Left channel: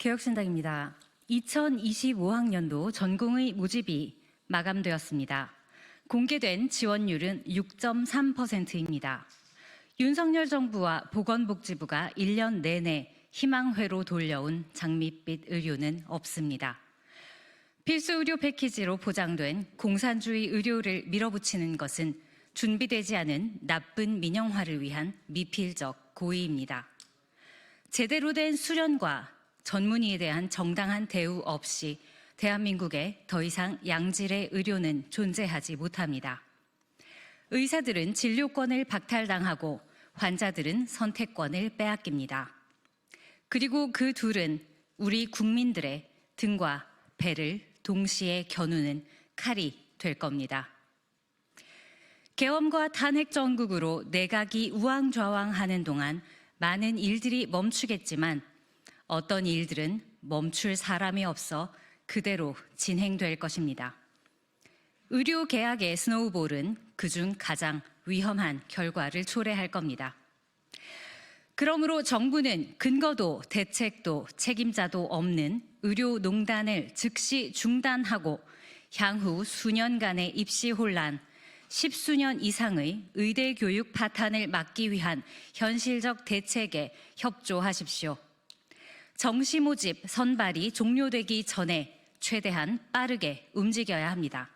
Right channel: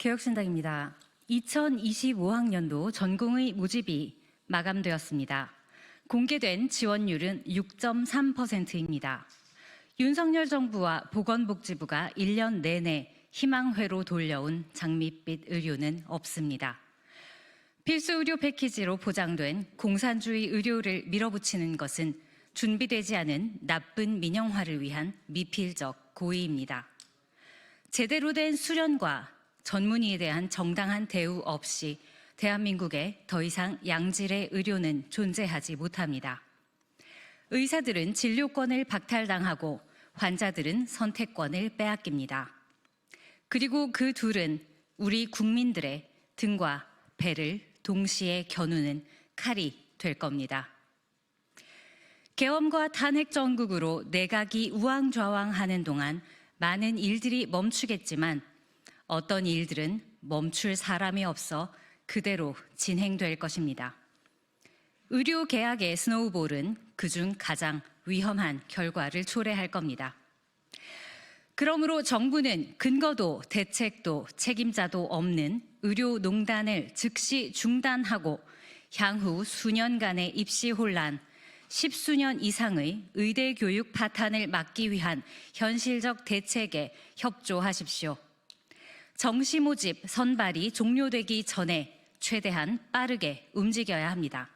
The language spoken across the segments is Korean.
개혁신당입니다. 2025학년도 전공의 모집이 마감되었습니다. 공개된 지원율은 6.3%입니다. 윤석열 정부와 보건복지부가 1년 내내 희망회로 돌려온 장밋빛 의료는 없습니다. 필수 의료 패키지로 보장된 공산주의 의료를 밀어붙이는 것은 준비되지 않은 나쁜 민영화를 위한 미필적 고의입니다. 제대로 된 수련과 전문의에 대한 정당한 대우 없이 대한민국에 더 이상 양질의 의료는 존재하지 못합니다. 의사들은 진료권을 박탈당하고 환자들은 선택권을 빼앗깁니다. 그리고 그 둘은 우리 국민들의 등과 배를 동시에 겨누는 칼이 될 겁니다. 계엄과 탄핵 정국으로 내각이 우왕좌왕하는 동안 많은 일들이 멈추겠지만 어떤 일들은 멈출 사람이 없어 그대로 진행될 것입니다. 의료 계약의 스노우볼은 그중 가장 위험한 결과를 초래할 겁니다. 그러므로 정부는 근거도 대책도 책임자도 없는 의료농단을 즉시 중단하고 향후 수년간의 입시 혼란, 10수년 이상의 의대 교육 파탄을 막기 위한 현실적 대책에 협조하십시오. 정시 모집 선발이 종료되기 전에 최대한 빠르게 움직여야 합니다.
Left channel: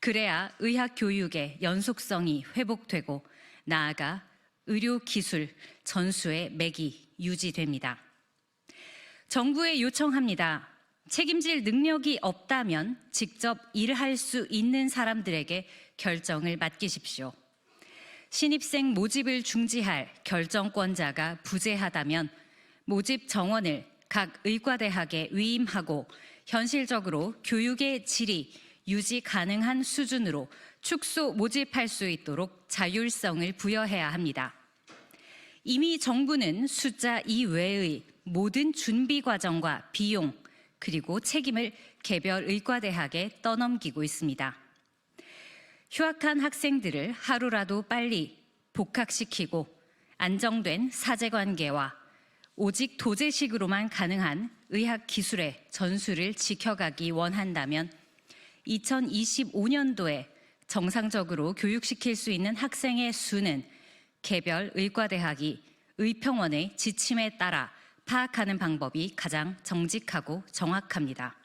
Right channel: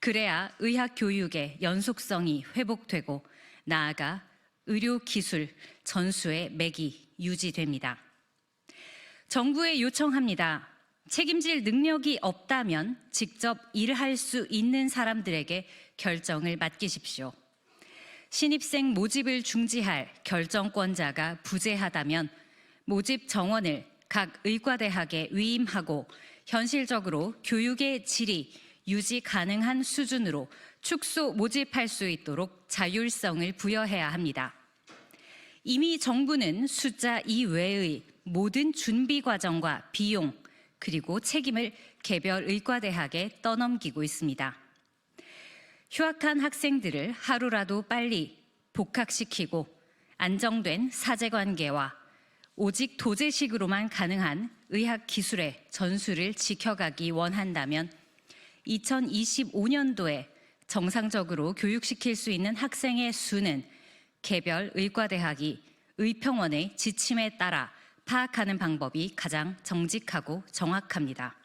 그래야 의학 교육의 연속성이 회복되고 나아가 의료 기술 전수의 맥이 유지됩니다. 정부에 요청합니다. 책임질 능력이 없다면 직접 일할 수 있는 사람들에게 결정을 맡기십시오. 신입생 모집을 중지할 결정권자가 부재하다면 모집 정원을 각 의과대학에 위임하고 현실적으로 교육의 질이 유지 가능한 수준으로 축소 모집할 수 있도록 자율성을 부여해야 합니다. 이미 정부는 숫자 이외의 모든 준비 과정과 비용 그리고 책임을 개별 의과대학에 떠넘기고 있습니다. 휴학한 학생들을 하루라도 빨리 복학시키고 안정된 사제관계와 오직 도제식으로만 가능한 의학 기술의 전수를 지켜가기 원한다면 2025년도에 정상적으로 교육시킬 수 있는 학생의 수는 개별 의과대학이 의평원의 지침에 따라 파악하는 방법이 가장 정직하고 정확합니다.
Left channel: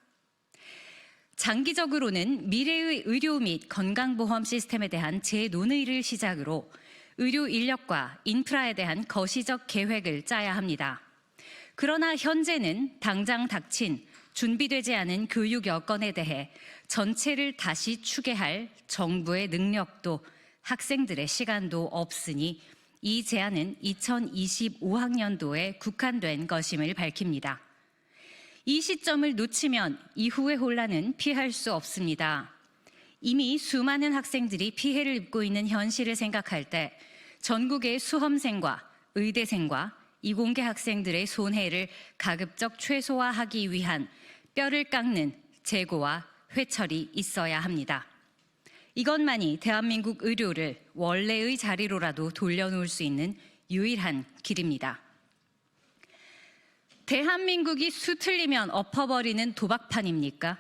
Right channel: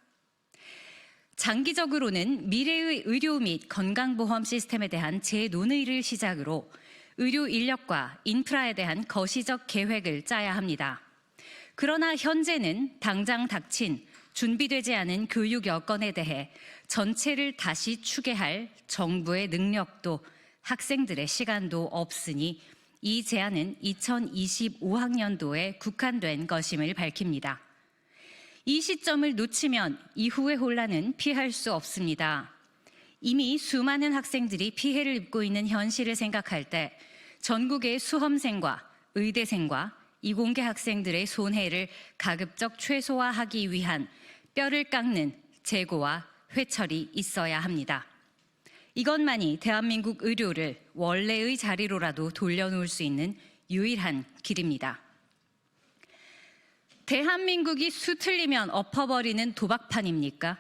장기적으로는 미래의 의료 및 건강보험 시스템에 대한 재논의를 시작으로 의료 인력과 인프라에 대한 거시적 계획을 짜야 합니다. 그러나 현재는 당장 닥친 준비되지 않은 교육 여건에 대해 전체를 다시 추계할 정부의 능력도 학생들의 시간도 없으니 이 제안은 2025학년도에 국한된 것임을 밝힙니다. 이 시점을 놓치면 이후의 혼란은 피할 수 없습니다. 이미 수많은 학생들이 피해를 입고 있는 현실을 생각할 때 전국의 수험생과 의대생과 이공계 학생들의 손해를 가급적 최소화하기 위한 뼈를 깎는 재고와 회철이 있어야 합니다. 이것만이 대한민국 의료를 원래의 자리로라도 돌려놓을 수 있는 유일한 길입니다. 대한민국이 수틀리면 엎어버리는 도박판입니까?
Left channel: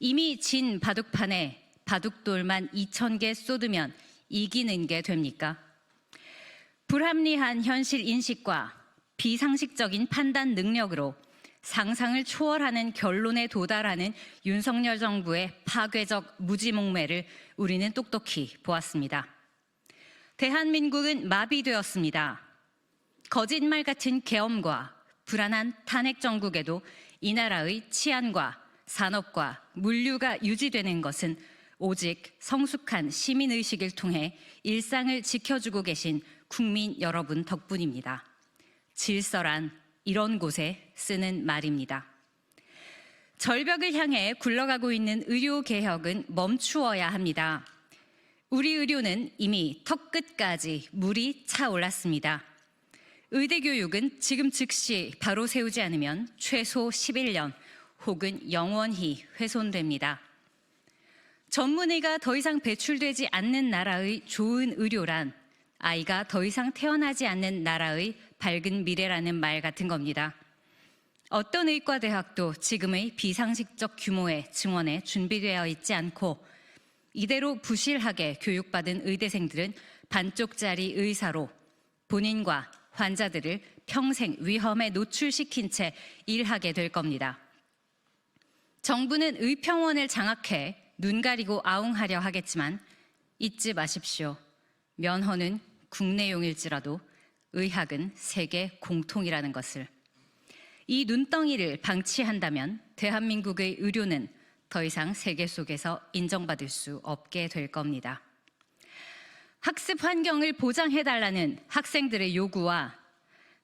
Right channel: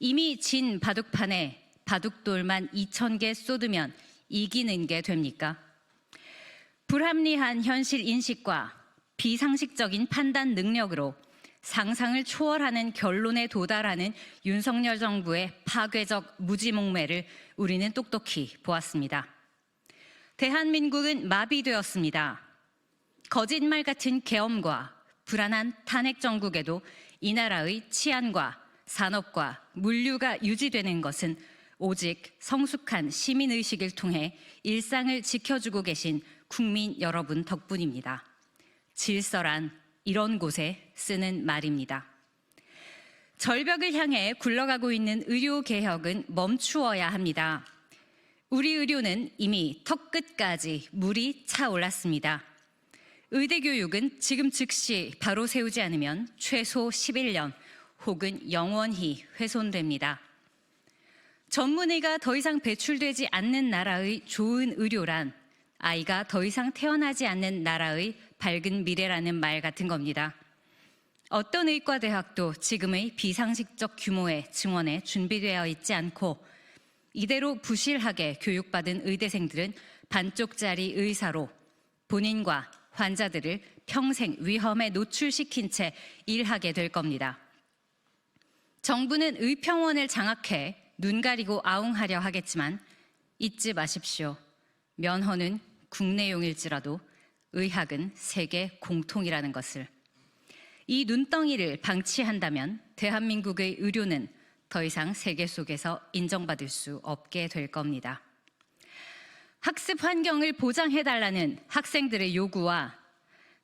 이미 진 바둑판에 바둑돌만 2,000개 쏟으면 이기는 게 됩니까? 불합리한 현실 인식과 비상식적인 판단 능력으로 상상을 초월하는 결론에 도달하는 윤석열 정부의 파괴적 무지몽매를 우리는 똑똑히 보았습니다. 대한민국은 마비되었습니다. 거짓말 같은 계엄과 불안한 탄핵 정국에도 이 나라의 치안과 산업과 물류가 유지되는 것은 오직 성숙한 시민의식을 통해 일상을 지켜주고 계신 국민 여러분 덕분입니다. 질서란 이런 곳에 쓰는 말입니다. 절벽을 향해 굴러가고 있는 의료개혁은 멈추어야 합니다. 우리 의료는 이미 턱끝까지 물이 차올랐습니다. 의대교육은 지금 즉시 바로 세우지 않으면 최소 11년 혹은 영원히 훼손됩니다. 전문의가 더 이상 배출되지 않는 나라의 좋은 의료란 아이가 더 이상 태어나지 않는 나라의 밝은 미래라는 말 같은 겁니다. 어떤 의과대학도 지금의 비상식적 규모의 증원에 준비되어 있지 않고 이대로 부실하게 교육받은 의대생들은 반쪽짜리 의사로 본인과 환자들을 평생 위험에 노출시킨 채 일하게 될 겁니다. 정부는 의평원을 장악해 눈 가리고 아웅하려 하겠지만 잊지 마십시오. 면허는 국내용일지라도 의학은 세계 공통이라는 것을. 이 눈덩이를 방치한다면 대한민국의 의료는 더 이상 세계 속에서 인정받을 수 없게 될 겁니다. 학습 환경을 보장해달라는 학생들의 요구와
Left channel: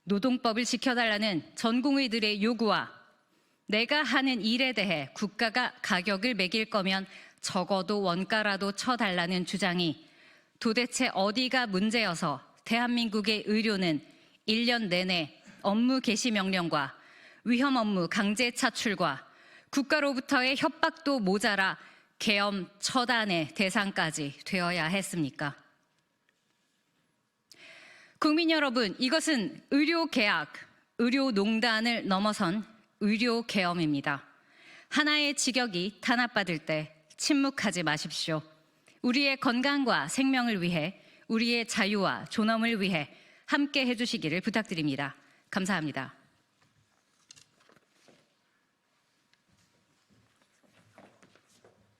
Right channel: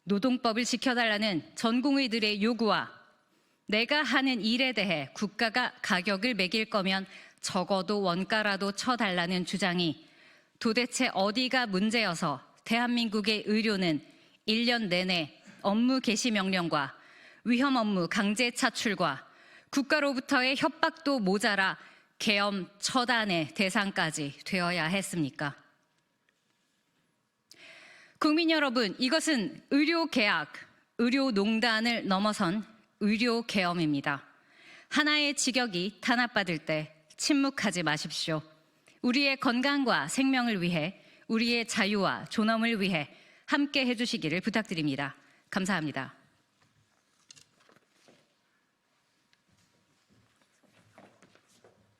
노동법을 지켜달라는 전공의들의 요구와 내가 하는 일에 대해 국가가 가격을 매길 거면 적어도 원가라도 쳐달라는 주장이 도대체 어디가 문제여서 대한민국의 의료는 1년 내내 업무 개시 명령과 위험 업무 강제 차출과 국가로부터의 협박도 모자라 계엄 처단의 대상까지 되어야 했습니까? 국민 여러분, 이것은 의료계약, 의료농단을 넘어선 의료계엄입니다. 하나의 직역이 탄압받을 때 침묵하지 마십시오. 우리의 건강과 생명을 위해, 우리의 자유와 존엄을 위해 함께 해주시기를 부탁드립니다. 감사합니다.